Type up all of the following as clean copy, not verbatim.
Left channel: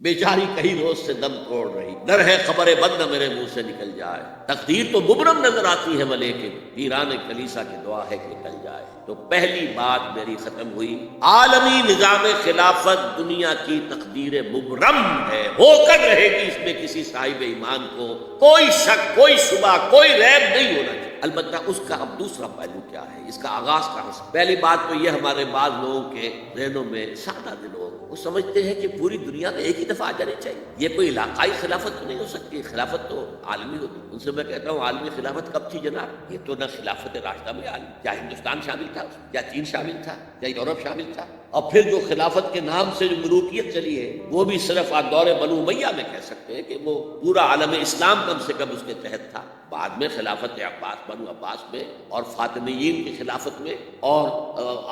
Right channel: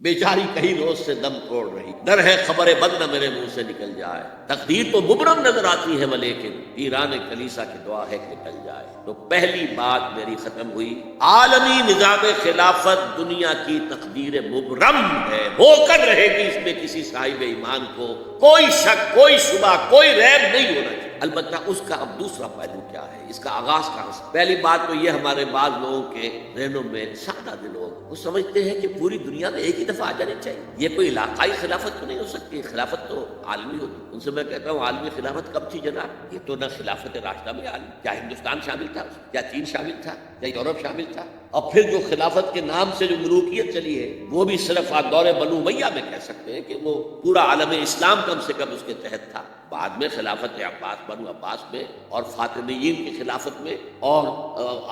بیچاری کہیں روز سے دم توڑ رہی، ڈر ہے خبر بد نہ میرے منہ سے نکل جائے، تقدیر تو مبرم نظر آتی ہے ولیکن ایران کلیسا کی دعا ہے کہ نکل جائے۔ تو پہلی بات میری ختم ہوئی، عالمی نظام خلافت دنیا کی تقدیر مبرم ہے، ہو کر رہے گی، اس میں کسی صاحب ایمان کو کوئی شک، کوئی شبہ، کوئی ریب نہیں ہونا چاہیے۔ البتہ اس کا اب دوسرا پہلو کیا ہے، اس کا آغاز کہاں سے؟ پہلی بات تو یہ ہمارے بعض لوگوں کے ذہنوں میں سادہ دلوں وہ سمجھتے ہیں کہ پوری دنیا میں ایک ہی دفعہ آ جانی چاہیے، یہ کوئی علاقائی خلافت تو نہیں ہو سکتی، خلافت تو عالمی ہوتی۔ ان سے میں کہتا ہوں عالمی خلافت کب تھی جناب؟ یہ تو نہ خلافت راشدہ میں عالم، کیا ہندوستان شامل تھا، کیا چین شامل تھا، کیا یورپ شامل تھا؟ اور پھر جو خلافت کے نام سے جو ملوکیت چلی ہے وہ بھی صرف دور بنو امیہ میں کہہ سکتے ہیں کہ وہ پورا عالم اسلام کم سے کم اس کے تحت تھا۔ بعد میں خلافت عباس بنو عباس میں اور فاطمیین کی خلافت میں اور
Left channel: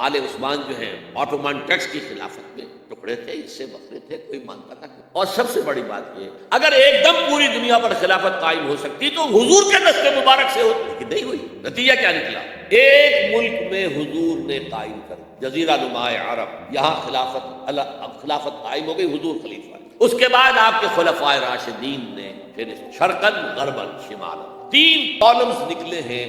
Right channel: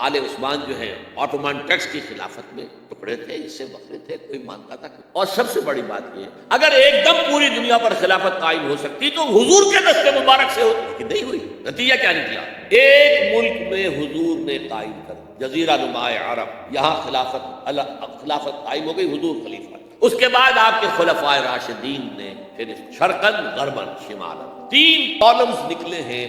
آل عثمان جو ہے آٹومان ٹرکس کی خلافت میں ٹکڑے تھے، اس سے بکرے تھے، کوئی مانتا تھا۔ اور سب سے بڑی بات یہ اگر ایک دم پوری دنیا پر خلافت قائم ہو سکتی تو حضور کے نسل مبارک سے ہوتی، کہ نہیں ہوئی۔ نتیجہ کیا نکلا؟ ایک ملک میں حضور نے قائم کر جزیرہ نما عرب، یہاں خلافت قائم ہو گئی، حضور خلیفہ۔ اس کے بعد آپ کے خلفائے راشدین نے پھر شرقاً غرباً شمالاً 3 کالمز نکلے ہیں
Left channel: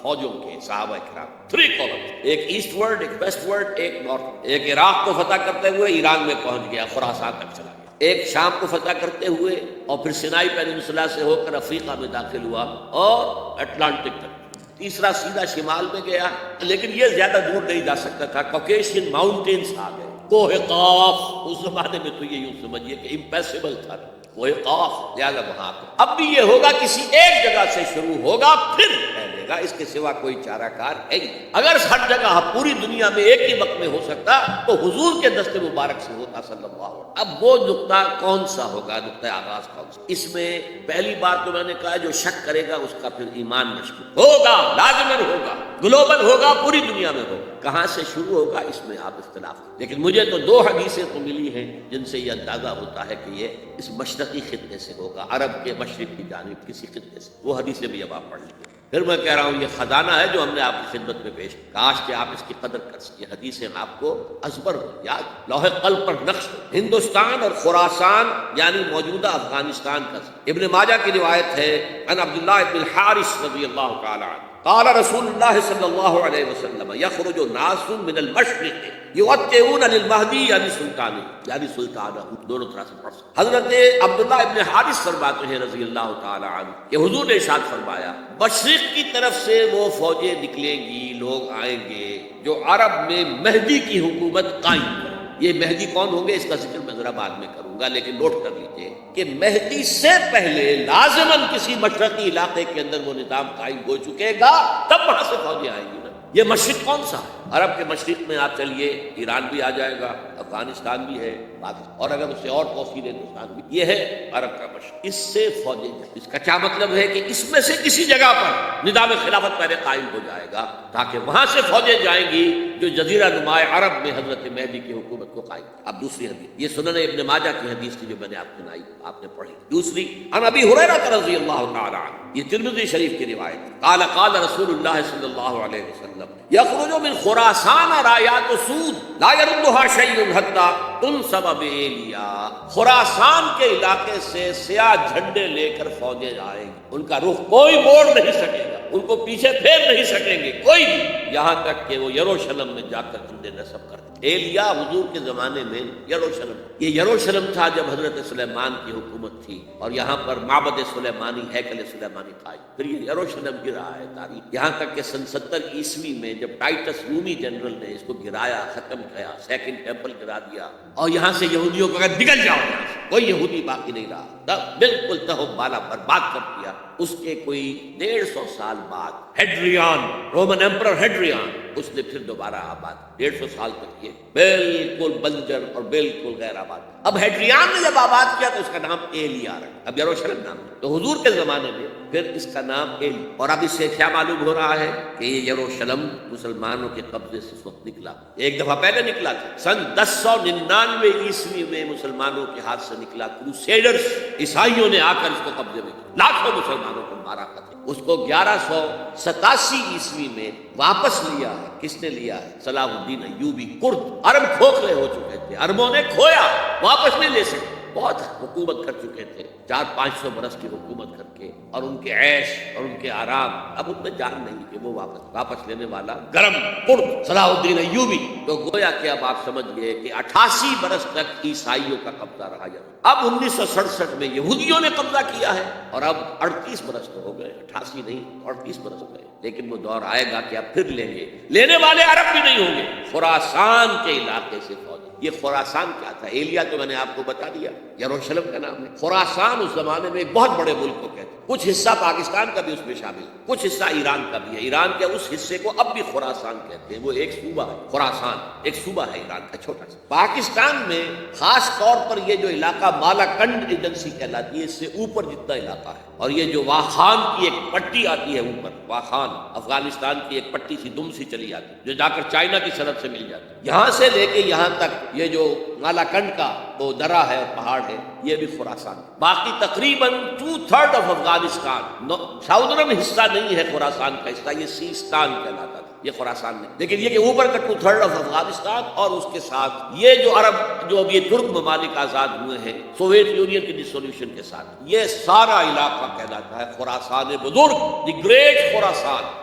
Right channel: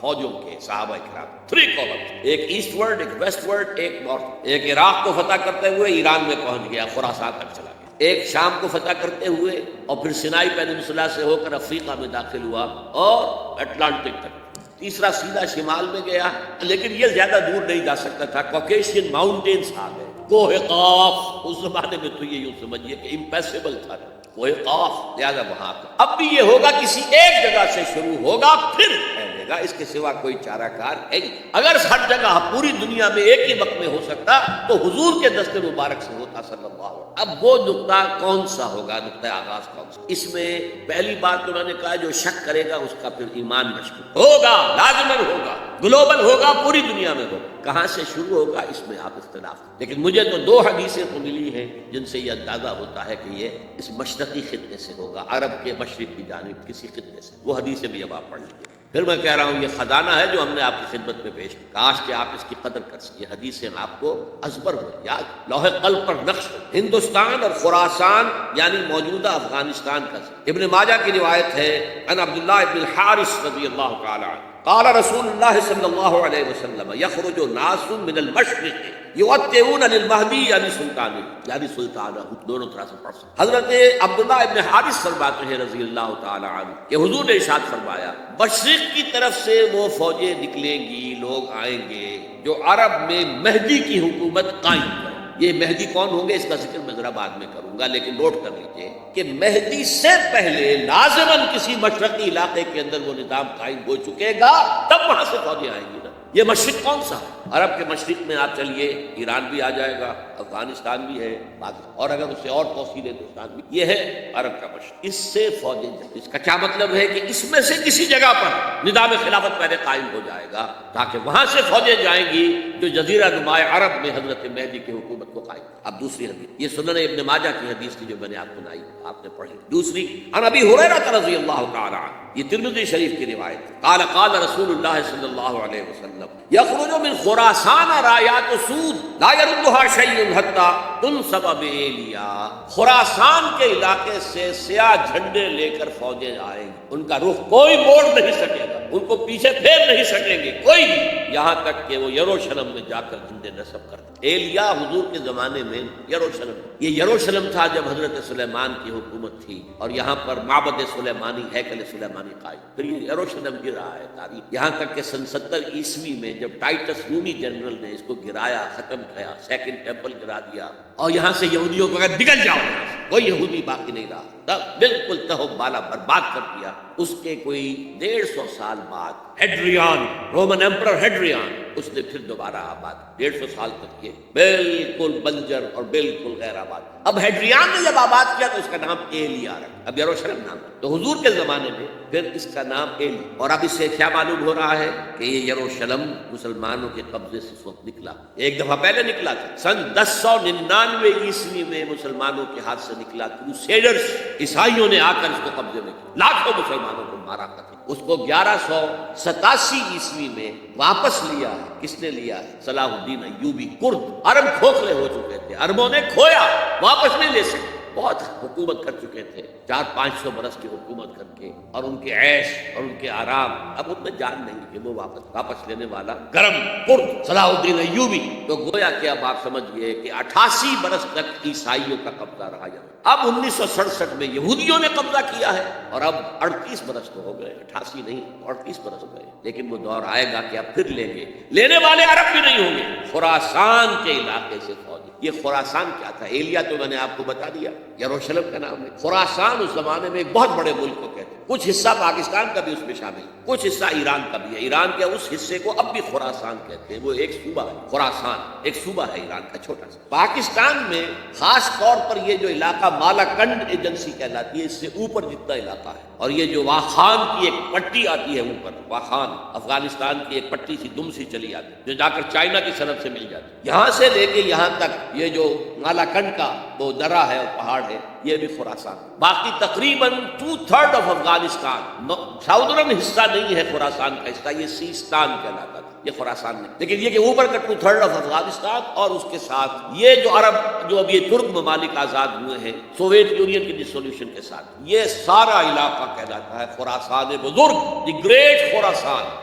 فوجوں کے، صحابہ کرام 3 کالمز، ایک ایسٹ ورڈ، ایک ویسٹ ورڈ، ایک نارتھ۔ ایک عراق کو فتح کرتے ہوئے ایران میں پہنچ گیا، خراسان تک چلا گیا۔ ایک شام کو فتح کرتے ہوئے اور پھر سینائی پیننسلا سے ہو کر افریقہ میں داخل ہوا اور اٹلانٹک تک۔ تیسرا سیدھا شمال میں گیا، لیکن یہ زیادہ دور نہیں جا سکتا تھا، کوکیشین ماؤنٹینز آ گئے، کوہ قاف۔ اس زمانے میں تو یہ یوں سمجھیے کہ امپیسبل تھا کوہ قاف، زیادہ وہاں۔ اب بھی یہ ہوگا کسی ایک جگہ سے شروع ہوگا پھر پھیلے گا، اس کے سوا کوئی چارہ کار ہے ہی۔ اگر ہر جگہ پوری دنیا میں ایک ہی وقت میں ہو سکتا تو حضور کے دست مبارک سے ہوتا صلی اللہ علیہ وسلم۔ اب وہ نقطہ کون سا ہوگا، نقطہ آغاز کون سا؟ اس میں پہلی بات تو میں نے کہا جو شک کرے گا اس کا پھر ایمان مشکوک ہوگا، لازماً ہوگا، گلوبل ہوگا، پوری دنیا میں ہوگا۔ کہاں سے شروع ہوگا اس میں ہم اختلاف، لیکن مجھے تو 2 حدیثیں تو ملی ہیں جن سے یہ اندازہ ہوتا ہے کہ یہ اس مشرقی خطے سے ہوگا، عرب کے مشرق کی جانب کسی خطے سے۔ وہ حدیثیں بھی اب آپ پڑھ لیجیے۔ پھر میں کہہ رہا ہوں یہ خزانہ ہے جو ہم نے آپ کی خدمت میں پیش کیا، کاش کہ آپ اس کی قدر کر سکیں۔ حدیثیں آپ کو ازبر ہو، یاد، لوح قلب پر نقش ہو۔ ہندوستان اور خراسان یعنی موجودہ افغانستان کا ابن ماجہ کی روایت ہے، عن عبداللہ بن الحارث رضی اللہ تعالی عنہ قال رسول اللہ صلی اللہ علیہ وسلم یخرج ناس من المشرق یوتئون للمہدی یعنی سلطانہ، دونوں طرح سے پڑھ سکتے۔ حضرت عبداللہ ابن حارث فرماتے ہیں رضی اللہ تعالی عنہ کہ حضور نے ارشاد فرمایا مشرق کی طرف سے وہ فوجیں نکلیں گی، لوگ آئیں گے جو عرب میں مہدی کی حکومت قائم ہے۔ یہ مہدی کون ہوں گے اس کا ذکر میں ذرا بعد میں کروں گا، لیکن نوٹ کر لیجیے کہ مہدی سے پہلے لازماً کسی مشرقی علاقے کے اندر وہ نظام قائم ہو چکے گا، تب وہاں سے فوجیں آئیں گی نا۔ یہ مشرق کون سا؟ عرب کے مشرق میں آپ چلیے، ایران بھی آ جائے گا، افغانستان بھی ہے، اور اگر اس سے اور توسیع ہندوستان بھی، یہ ہے عرب کا مشرق۔ اس سے فوجیں، اس کا کیا مطلب ہے کہ اس میں سے کسی جگہ پر نظام خلافت پہلے قائم ہو جائے گا تاکہ وہاں سے فوجیں جائیں گی جو جزیرہ نما عرب میں حضرت مہدی کی حکومت کو قائم۔ اب دوسری حدیث، یہ سنن ابن ماجہ کی حدیث تھی جو میں نے آپ کو سنائی، آپ نے پڑھی۔ دوسری عن ابی ہریرہ رضی اللہ تعالی عنہ، یہ ترمذی شریف کی روایت، قال قال رسول اللہ صلی اللہ علیہ وسلم یخرج من خراسان رایات سود لا یردها شیء حتی تنصب به، خراسان کے علاقے سے سیاہ جھنڈے لے کر فوجیں آئیں گی، ان کا رخ کوئی موڑ نہیں سکے گا، ان کو پیچھے پھیر نہیں سکیں گے کوئی نہیں، یہاں تک کہ وہ یروشلم میں جا کر جھنڈے نصب کرتے۔ ایلیا حضور کے زمانے میں یروشلم، یہ یروشلم تھا جب حضرت سلیمان کی حکومت تھی اور یہاں پر معبد سلیمانی، ہیکل سلیمانی قائم، پھر یہ یروشلم گرا ہے تاریخ، یہاں تک کہ سن 70 عیسوی میں جب ٹائٹس رومی جنرل نے اس کو گرایا، ختم کیا، سیکنڈ ٹیمپل گرا دیا اور یہاں سے یہودیوں کو کہا نکل جاؤ یہاں سے، کوئی یہودی باقی نہیں رہا، بالکل تہم بالا برباد کر دیا۔ اس کے کوئی 150 سال بعد ہیڈریان، رومن ایمپرر ہیڈریان، اس نے پھر دوبارہ آباد، 150 سال تک یہ بالکل بنجر اور بالکل غیر آباد۔ اب ہیڈریان نے جب آباد کیا تو اس کا نام ایلیا رکھا، اب یروشلم نام، تو حضور کے زمانے میں پھر اس کا نام ایلیا۔ اور اب اس سے کیا معلوم ہو رہا ہے کہ یروشلم مسلمانوں کے قبضے سے اس وقت نکلا، ایک دفعہ پہلے نکلا تھا، سن 1099 عیسوی میں مسلمانوں کے ہاتھ سے نکلا، کروسیڈرز، عیسائیوں نے آ کر اس کو قبضے میں کیا، لاکھوں مسلمانوں کو مارا تھا۔ اس کو 1187 عیسوی میں واپس لیا ہے، کس نے لیا ہے؟ صلاح الدین ایوبی، کرد، عرب کھوکھلے ہو چکے تھے، عربوں نے کھویا، واپس نہیں لے سکتے۔ بہت حکومت کر چکے تھے، 400-500 برس کی حکومت کر کے، اور ان کے عیش اور ان کے آرام اب ان میں جان نہیں کہ وہ واپس لینے والا گرم پرد صلاح الدین ایوبی، تو گویا کہ اب آپ سمجھ گئے کہ 88 برس تک عیسائیوں کا قبضہ رہا ہے۔ اب 1967 میں یہودیوں نے قبضہ کیا ہے، اور اب 38 برس تو ہو گئے، 88 نہیں 38 برس ہو گئے، لیکن وہ دور آئے گا کہ اب پھر لیں گے، لینے والے عرب بھی نہیں ہوں گے، خراسان کے علاقے سے فوجی۔ یہ خراسان کیا تھا؟ ایلیا تو میں نے آپ کو بتا دیا، یروشلم کا نام ہے۔ خراسان اس زمانے میں ایک بہت بڑے ملک کو کہتے ہیں، کچھ حصہ پاکستان کا بھی اس میں شامل ہے، کچھ حصہ ایران کا بھی ہے۔ ایران کے اس حصے کو اب بھی خراسان کہتے ہیں، وہ ایک صوبہ ہے، خراسان ایک صوبہ ہے ایران کا چھوٹا سا۔ پاکستان میں خاص طور پر یہ جو علاقہ مالاکنڈ ایجنسی کہلاتی ہے، اس سے اوپر جتنا علاقہ ہے، اور یہ جو واخان کی ایک پٹی آتی ہے اوپر، واخان افغانستان کی ایک پٹی سی دم سی چلی آتی ہے جو جا کر چائنا کی سرحد سے مل جاتی ہے، یہاں سے لے کے یہاں تک یہ جو مالاکنڈ کا وہ درہ ہے، پہاڑ ہے، یہ بھی خراسان۔ باقی تقریباً 2/3 آف افغانستان ساؤدرن حصہ نہیں ہے خراسان کا حصہ، یہ سیستان کہلاتا تھا، یہ خراسان نہیں، لیکن یہ کہ اوپر کا 2/3 آف افغانستان، اور اس کے ساتھ یہ جو عرب جو اب یہ ترک ممالک آزاد ہوئے ہیں سوویت یونین کی ڈسولوشن کے ساتھ، یہ سارا علاقہ کہلاتا ہے خراسان بزرگ، دی گریٹ خراسان۔